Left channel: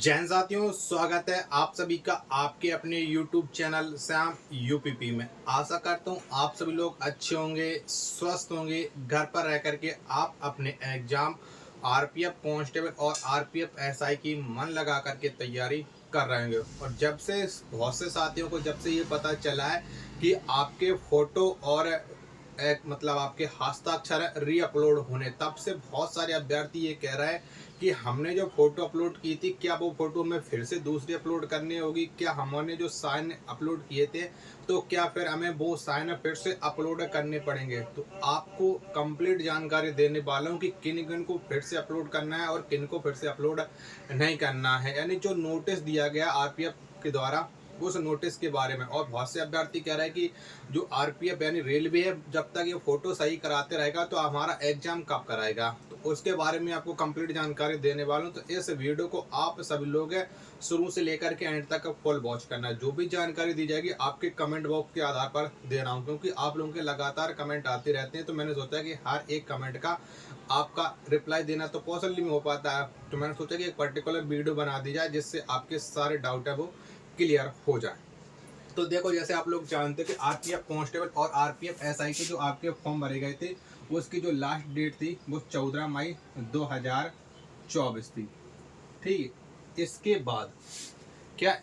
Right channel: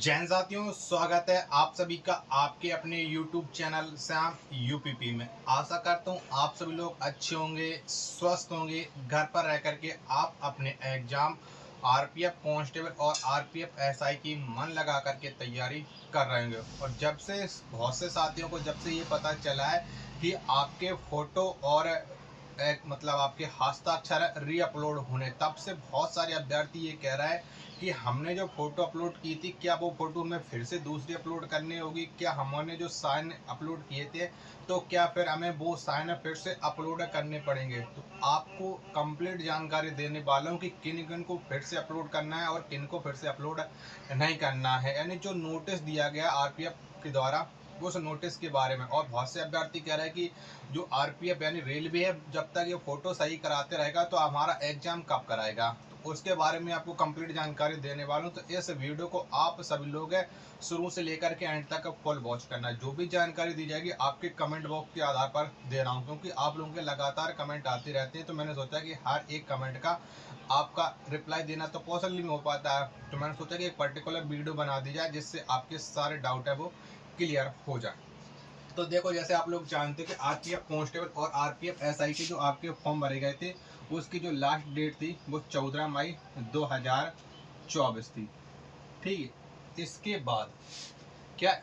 जैन साथियों, स्वागत है आप सभी का आपके अपने YouTube चैनल श्याम यूपीपी में। आशा करता हूँ आप सभी लोग अच्छे होंगे, स्वस्थ होंगे। घर पर रह करके आप अपने एग्जाम आरपीएफ कांस्टेबल और आरपीएफ एसआई की मन लगा करके तैयारी कर रहे होंगे। और जब से बहुत से साथियों को जब से ये पता चला है कि आपके फोटो और एक मतलब आपके हस्ताक्षर री अपलोड होने, तब से बहुत सारे अभ्यर्थी ये कह रहा है कि हमने जो फोटो अपलोड की थी, क्या वो फोटो हमें फिर से दूसरी अपलोड करनी होगी, क्या हमने जो साइन अपलोड किए थे तो क्या फिर हमें वो साइन फिर से अपलोड करने पड़ेंगे। तो आपको कंप्लीट जानकारी देने वाला हूँ कि किन किन को फिर से अपलोड करना है और किन को फिर से अपलोड नहीं करना है। यानी जो नोटिस दिया गया आरपीएफ के द्वारा उस नोटिस के बारे में। और बहुत से अभ्यर्थी कह रहे हैं कि जो आरपीएफ यानी रेलवे है, जब तक ये फोटो सही कराते रहेगा तो हमारा एग्जाम कब कराएगा, तो उसके बारे में आपको कंप्लीट जानकारी देने वाला हूँ। तो इस वीडियो को आप सभी लोग शुरू से लेकर के एंड तक फुल वॉच करना है। जो भी जानकारी दी जाएगी आपके कमेंट बॉक्स के आधार पर दे रहा हूँ, क्योंकि आप लोगों के लगातार कमेंट आते रहते हैं। तो मैंने सोचा कि हर एक कमेंट का आपका रिप्लाई देना तो पॉसिबल नहीं हो पाता है, तो मैंने सोचा कि एक पर्टिकुलर वीडियो बना दी जाए जिससे आपके सारे डाउट है वो क्लियर हो जाए। तो देखो, जैसे आप लोग जानते हैं कि आरपीएफ कांस्टेबल और आरपीएफ एसआई के जो आपके फॉर्म भरे गए थे, उसकी जो लास्ट डेट थी वो 14 मई 2024 थी। ठीक है।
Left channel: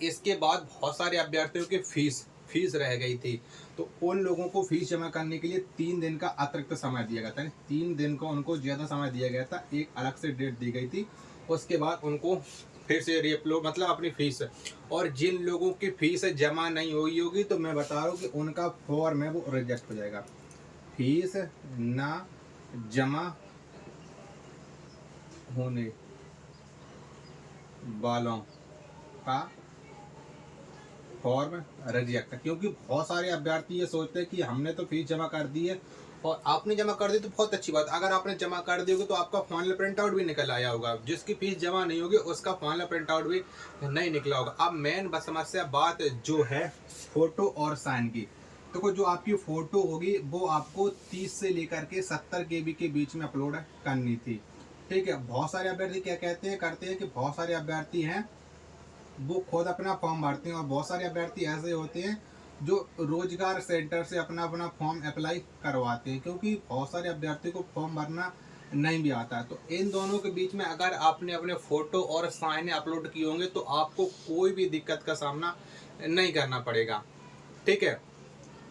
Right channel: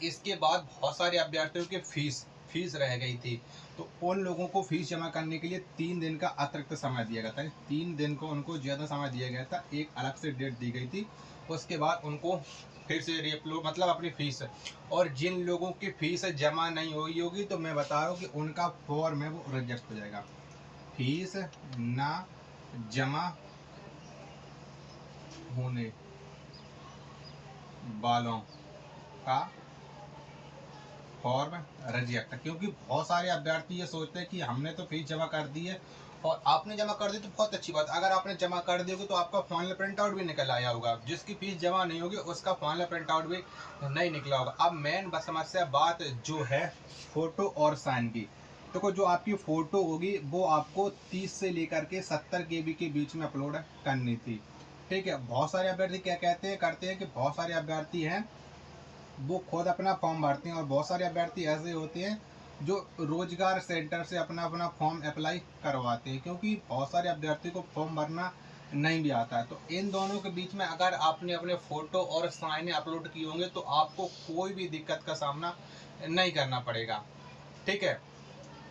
इसके बाद बहुत सारे अभ्यर्थियों की फीस रह गई थी। तो उन लोगों को फीस जमा करने के लिए 3 दिन का अतिरिक्त समय दिया गया था। 3 दिन को उनको ज़्यादा समय दिया गया था, एक अलग से डेट दी गई थी। उसके बाद उनको फिर से रीअपलोड मतलब अपनी फीस। और जिन लोगों की फीस जमा नहीं हुई होगी तो मैं बता रहा हूँ कि उनका फॉर्म है वो रिजेक्ट हो जाएगा। फीस ना जमा होने वालों का फॉर्म रिजेक्ट। क्योंकि बहुत सारे अभ्यर्थी ये सोचते हैं कि हमने तो फीस जमा कर दी है, और आपने जमा कर दी तो बहुत अच्छी बात। अगर आपने जमा कर दी होगी तो आपका फाइनल प्रिंट आउट भी निकल आया होगा। जिसकी फीस जमा नहीं होगी उसका फाइनल प्रिंट आउट भी नहीं निकला होगा। अब मेन समस्या बात जो है फोटो और साइन की। तो जो आपकी फोटो होगी वो आपको 30 से लेकर के 70 केबी के बीच में अपलोड करनी थी। ठीक है। बहुत सारे अभ्यर्थी क्या कहते हैं करते हैं कि बहुत सारे अभ्यर्थी हैं वो खुद अपना फॉर्म भरते हैं, और बहुत सारे अभ्यर्थी ऐसे होते हैं जो रोजगार सेंटर से अपना अपना फॉर्म अप्लाई करवाते हैं, क्योंकि बहुत सारे अभ्यर्थी को फॉर्म भरना नहीं भी आता है। तो इन दोनों के बीच में अगर आपने अपने फोटो और साइन अपलोड किए होंगे तो आपको कोई भी दिक्कत का सामना नहीं करना पड़ेगा। ठीक है।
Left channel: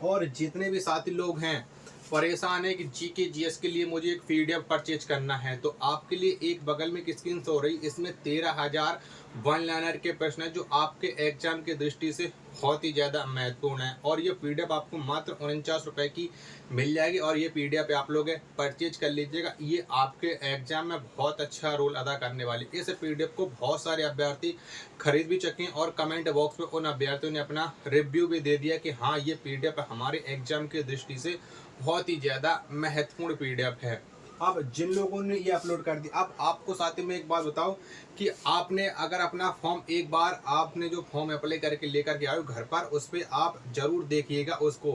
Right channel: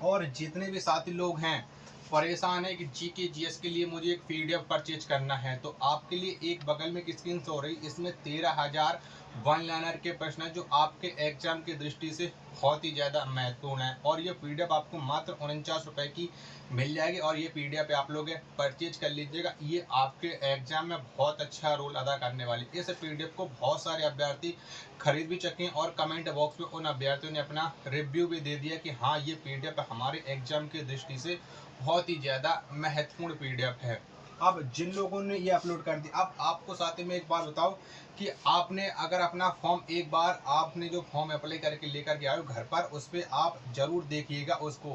और जितने भी साथी लोग हैं परेशान है कि जीके जीएस के लिए मुझे एक पीडीएफ परचेज करना है, तो आपके लिए एक बगल में एक स्क्रीन शो हो रही, इसमें 13,000 वन लाइनर के प्रश्न है जो आपके एग्जाम की दृष्टि से बहुत ही ज़्यादा महत्वपूर्ण है। और ये पीडीएफ आपको मात्र 49 रुपये की मिल जाएगी, और ये पीडीएफ आप लोग परचेज कर लीजिएगा। ये आपके एग्जाम में बहुत अच्छा रोल अदा करने वाली। इस पीडीएफ को बहुत सारे अभ्यर्थी खरीद भी चुके हैं, और कमेंट बॉक्स में उन अभ्यर्थियों ने अपना रिव्यू भी दे दिया कि हाँ, ये पीडीएफ हमारे एग्जाम की दृष्टि से बहुत ही ज़्यादा महत्वपूर्ण पीडीएफ है। अब जिन लोगों ने ये अपलोड कर दी, अब आपको साथ ही में एक बात बताओ कि आपने अगर अपना फॉर्म एक बार आपने जो फॉर्म अप्लाई करके लेकर के आए हो घर पर, उस पर आप जरूर देखिएगा उसको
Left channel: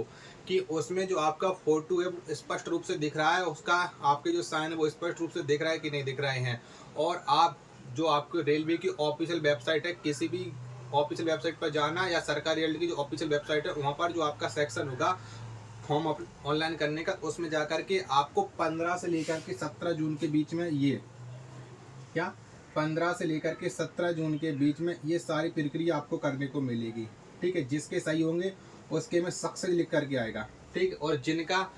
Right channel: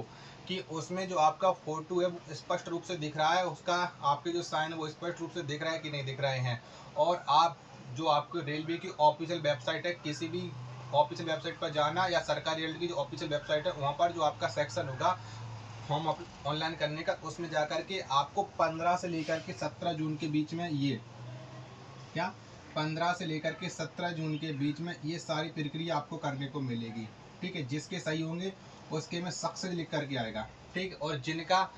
कि उसमें जो आपका फोटो है वो स्पष्ट रूप से दिख रहा है, उसका आपके जो साइन है वो स्पष्ट रूप से दिख रहा है कि नहीं दिख रहे हैं। और आप जो आपके रेलवे की ऑफिशियल वेबसाइट है, किसी भी ऑफिशियल वेबसाइट पर जाना, या सरकारी रेलवे की जो ऑफिशियल वेबसाइट है वहाँ पर जो आपका सेक्शन होगा फॉर्म ऑनलाइन करने का, उसमें जाकर के आपको 15 से लेकर के 17 जून के बीच में ये क्या 15 से लेकर के 17 जून के बीच में ये सारी प्रक्रिया आपको करने को मिलेगी। ठीक है। जिसके सही होंगे उसके में सक्सेस लिख करके आएगा। ठीक। और जिनका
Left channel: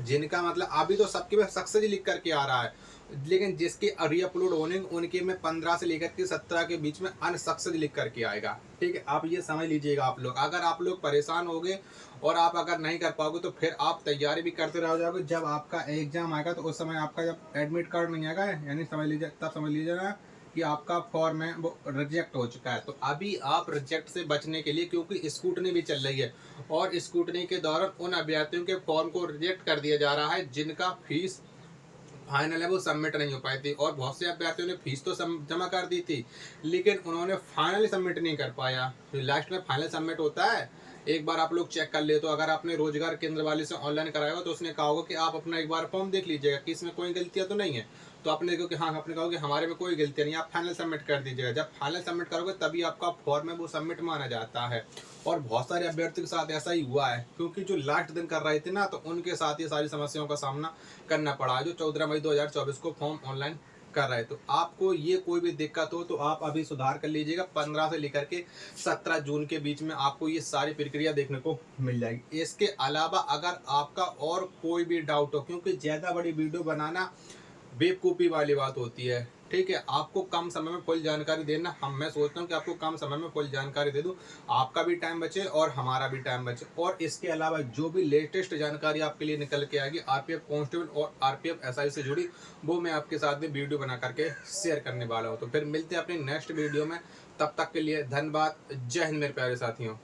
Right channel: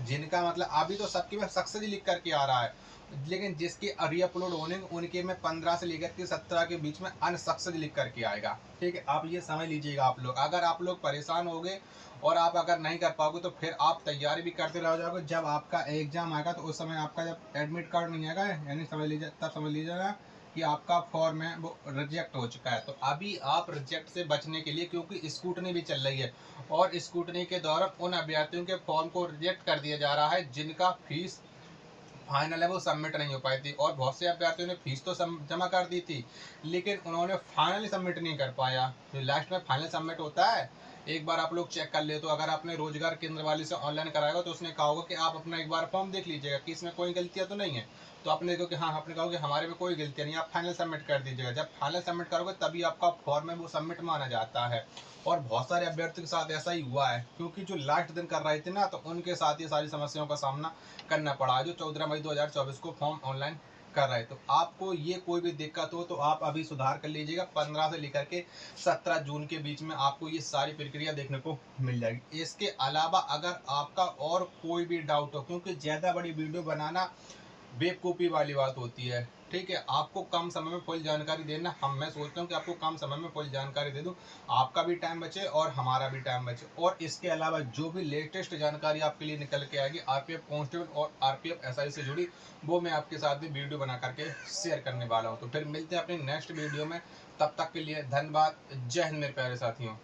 जिनका मतलब अभी तो सबके में सक्सेस लिख करके आ रहा है, लेकिन जिसके रीअपलोड होने उनके में 15 से लेकर के 17 के बीच में अनसक्सेस लिख करके आएगा। ठीक है। आप ये समझ लीजिएगा। आप लोग अगर आप लोग परेशान हो गए और आप अगर नहीं कर पाओगे तो फिर आप तैयारी भी करते रह जाओगे। जब आपका एग्जाम आएगा तो उस समय आपका जब एडमिट कार्ड नहीं आएगा, यानी समझ लीजिए तब समझ लीजिए ना कि आपका फॉर्म है वो रिजेक्ट हो चुका है। तो अभी आप रिजेक्ट से बचने के लिए, क्योंकि स्कूटनी भी चल रही है, और स्कूटनी के दौरान उन अभ्यर्थियों के फॉर्म को रिजेक्ट कर दिया जा रहा है जिनका फीस फाइनल है वो सबमिट नहीं हो पाई थी। और बहुत से अभ्यर्थियों ने फीस तो जमा कर दी थी, लेकिन उन्होंने फाइनली सबमिट नहीं कर पाया। तो लास्ट में फाइनल सबमिट होता है, एक बार आप लोग चेक कर ले। तो अगर आपने रोजगार केंद्र वाले से ऑनलाइन कराया तो उसने कहा होगा कि आप अपना एक बार फॉर्म देख लीजिएगा कि इसमें कोई गलतियां तो नहीं है। तो आपने देखो कि हाँ, आपने कहा कि हमारे में कोई गलती नहीं है, आप फाइनल सबमिट कर दीजिएगा। जब फाइनल सबमिट करोगे तभी आपका फॉर्म है वो सबमिट माना जाता है। और बहुत सारे अभ्यर्थियों के साथ ऐसा ही हुआ है, क्योंकि जो लास्ट दिन कर रहे थे ना, तो उनके साथ ये सारी समस्याओं का सामना करना पड़ा, जो 14 मई 2024 को फॉर्म ऑनलाइन कर रहे। तो आपको ये कोई भी दिक्कत हो तो आप अभी सुधार कर लीजिएगा। 15 से लेकर के 17 जून के बीच में आपको ये सारी प्रक्रिया देखने को मिल जाएगी। इसके अलावा अगर आपका और कोई भी डाउट हो, क्योंकि ज़्यादा बड़ी वीडियो बनाना बेवकूफ़ी वाली बात होती है, ठीक है? आपको कम समय में फुल जानकारी देना, मैं सोचता हूँ कि आपको कम समय में फुल जानकारी दे दूँ, आपका भी टाइम बचे और हमारा भी टाइम बचे। और इसके अलावा जो भी लेटेस्ट जानकारी आपके लिए निकल के आएगी आरपीएफ कांस्टेबल और आरपीएफ एसआई से जुड़ी, वो मैं आपके साथ में वीडियो बना करके शेयर करने वाला हूँ। तो फिर मिलते हैं अपने नेक्स्ट वीडियो में, तब तक के लिए धन्यवाद। जय हिंद मेरे प्यारे साथियों।